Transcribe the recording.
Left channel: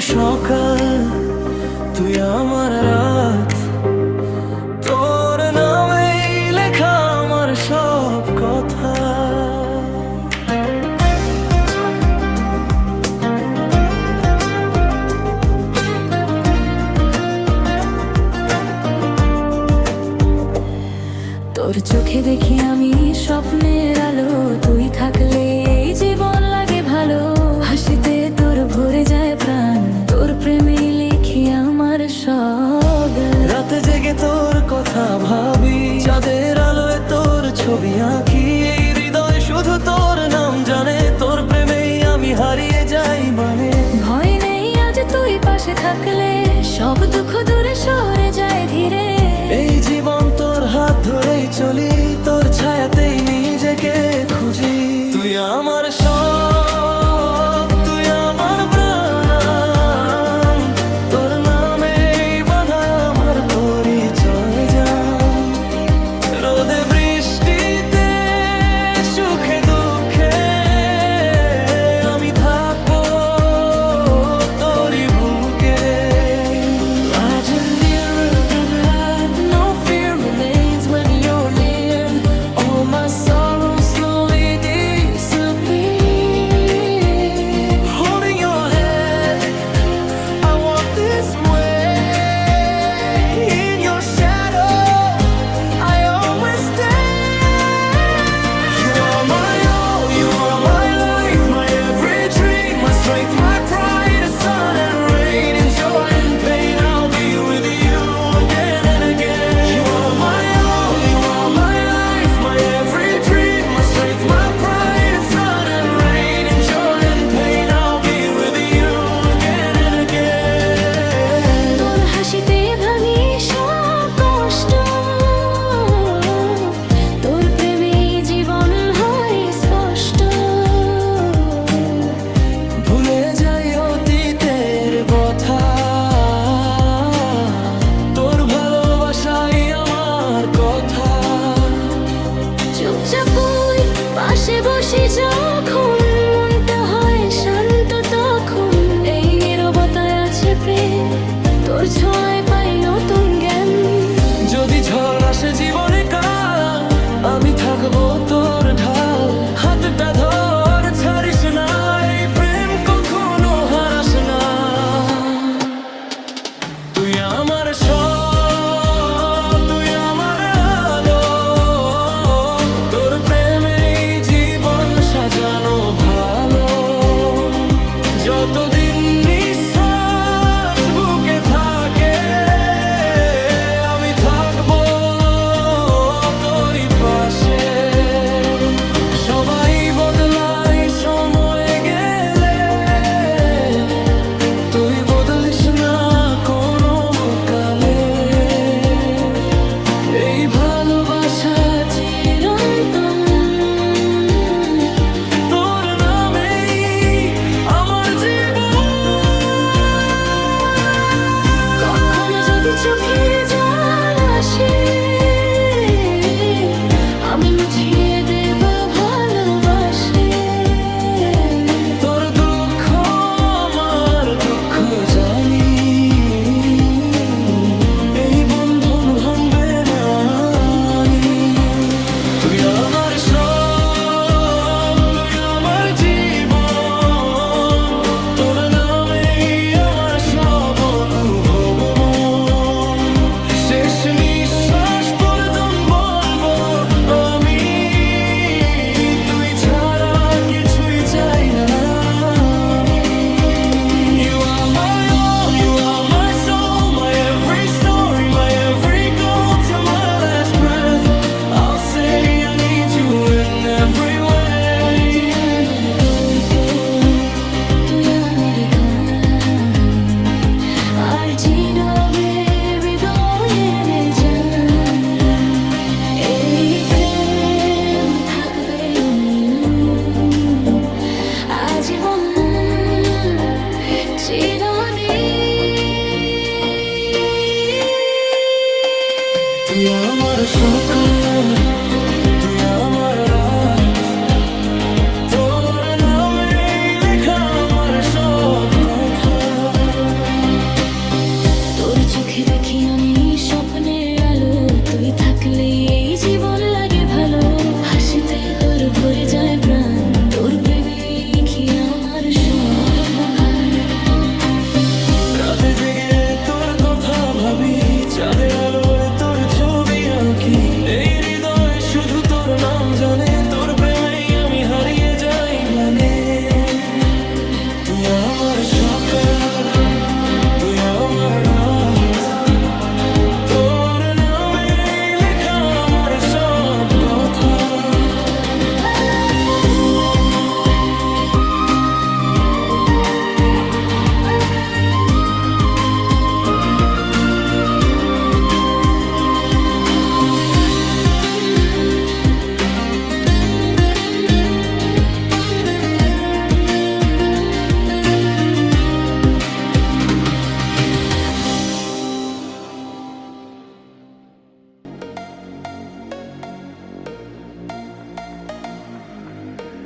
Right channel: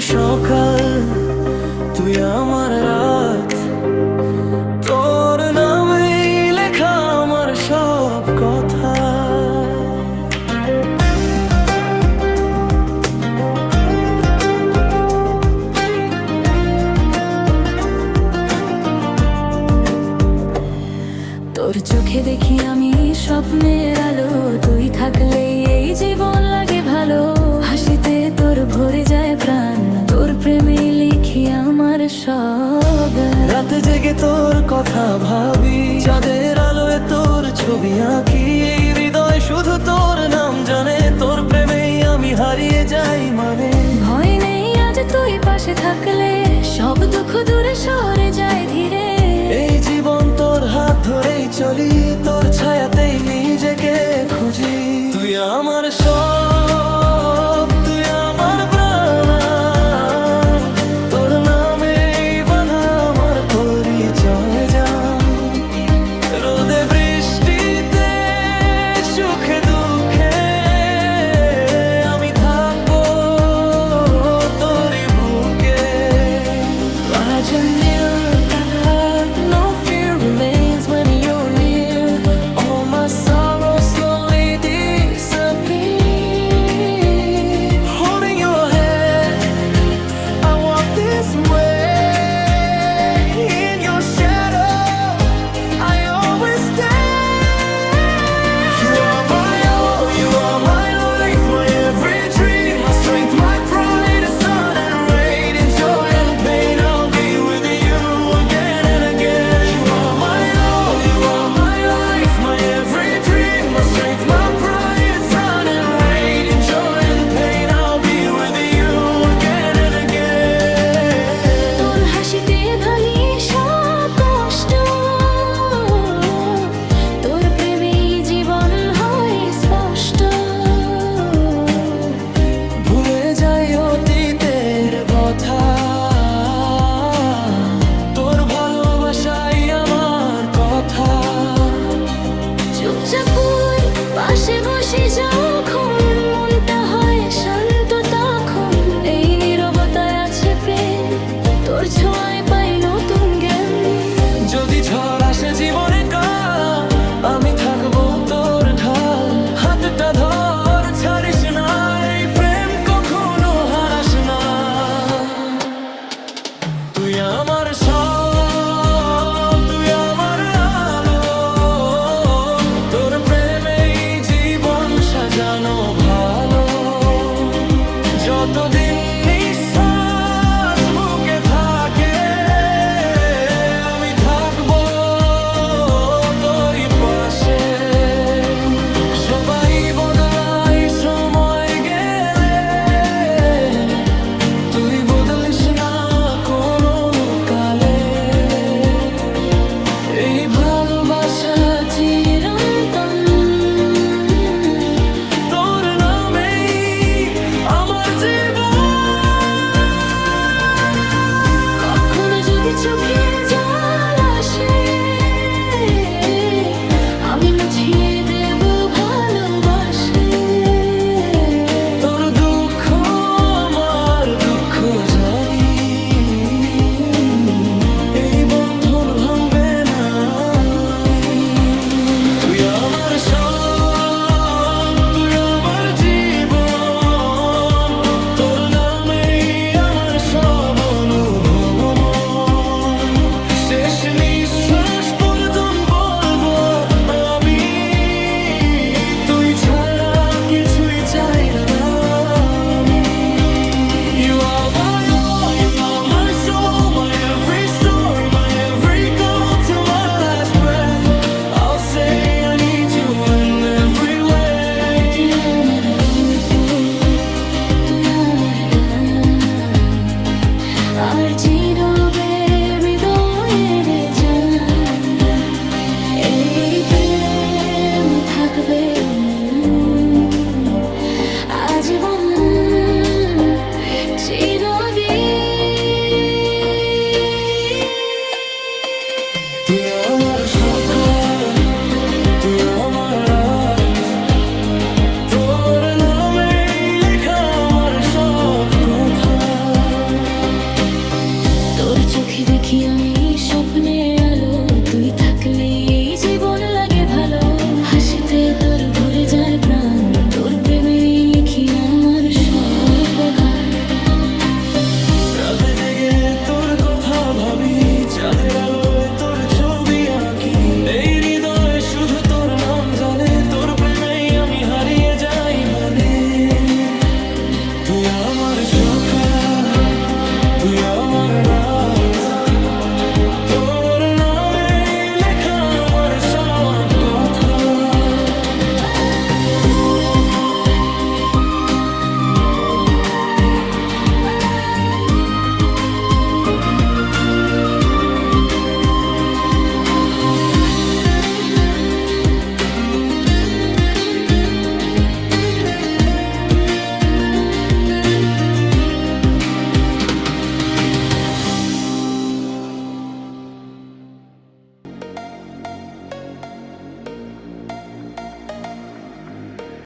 সকাল, তুই আমার রাত, তোর নামেই লেখা আমার সব কথা। তোর চোখে দেখি আমি স্বপ্নের আলো, তুই থাকলে এই জীবন লাগে ভালো। হাসিতে তোর ভরে যায় প্রাণ, তোর প্রেমে লিখি আমার সব। রাতে জেগে তোর কথা ভাবি, চাঁদের আলোয় তোর ছবি আঁকি। এই হৃদয় শুধু তোর নাম জানে, তোর প্রেমেই আমি হারিয়ে যাই মানে। ভয় নেই আজ তুই পাশে থাকলে, সব দুঃখ দূরে সরে যায় ধীরে। এই জীবন তোর হাত ধরেই চলি, তোর ছায়াতেই নিজেকে খুঁজি। তুই আমার সব, তুই আমার প্রাণ, তোর নামেই বাঁধা আমার পরিচয় জান। রোদে বৃষ্টিতে সুখে দুঃখে আমি থাকবো তোরই বুকে। আজ remains when you're near. All my sorrows slowly disappear. Holding your hand, I walk this way. In your shadow, I always stay. You are my all, you are my life, my every dream, my strength, my pride, the sun and rain. In joy and pain, I'll be with you again and again. You are my all, you are my life, my every dream, my strength, my pride, the sun and rain. In joy and pain, I'll be with you again and again. তোর হাসিতে ভাঙি সব কষ্ট, তোর প্রেমে জীবন হয় স্পষ্ট। ভুলে যাই অতীতের কথা, তোর ভালোবাসাই আমার কথা। চুপচাপ ওই পাশে বসে যখন মনটা হয় শান্ত, তখন এই নীরবতায় আছে প্রেম, তোর ছোঁয়ায় পাই নতুন জ্ঞান। যদি ঝড় আসে জীবনে কাল, আমি থাকবো তোর ঢাল। হাতটা ধর, ছাড়িস না, এই প্রেম কখনো হারাস না। তুই আমার সব, তুই আমার আলো, তোর প্রেমেই জীবন সাজানো ভালো। যতদিন নিঃশ্বাস বুকে থাকে, আমি থাকবো তোরই পাশে। সবাই বদলাই সময় গেলে, তুই বদলিস না কোনো কালে। এই ভালোবাসা চিরন্তন, তোর নামেই আমার জীবন। কখনো যদি চোখে জল আসে, আমি মুছিয়ে দেব ভালোবাসে। তোর দুঃখ আমার দুঃখ জানি, এই বন্ধন ভাঙবে না আমি। তুই আমার সব, তুই আমার জীবন, তোর নামেই আমার সব অনুভব মন। শেষ নিঃশ্বাস পর্যন্ত বলবো আমি, তুই ছাড়া কিছুই চাই না আমি। You are my all, you are my soul, my every story, my every goal. Till my last breath, I'll say I need you in every way. তুই আমার গল্প, তুই আমার গান, আর চিরবে হৃদয়ের জান। এই প্রেম থাকবে অমলিন, আজীবন চিরদিন। তুই আমার সকাল, তুই আমার রাত, তোর নামেই লেখা আমার সব কথা। তোর চোখে দেখি আমি স্বপ্নের আলো, তুই থাকলে এই জীবন লাগে ভালো। হাসিতে তোর ভরে যায় প্রাণ, তোর প্রেমে লিখি আমার সব গান। রাতে জেগে তোর কথা ভাবি, চাঁদের আলোয় তোর ছবি আঁকি। এই হৃদয়ে শুধু তোর নাম জানে, তোর প্রেমেই আমি হারিয়ে যাই মানে। তুই আমার সকাল, তুই আমার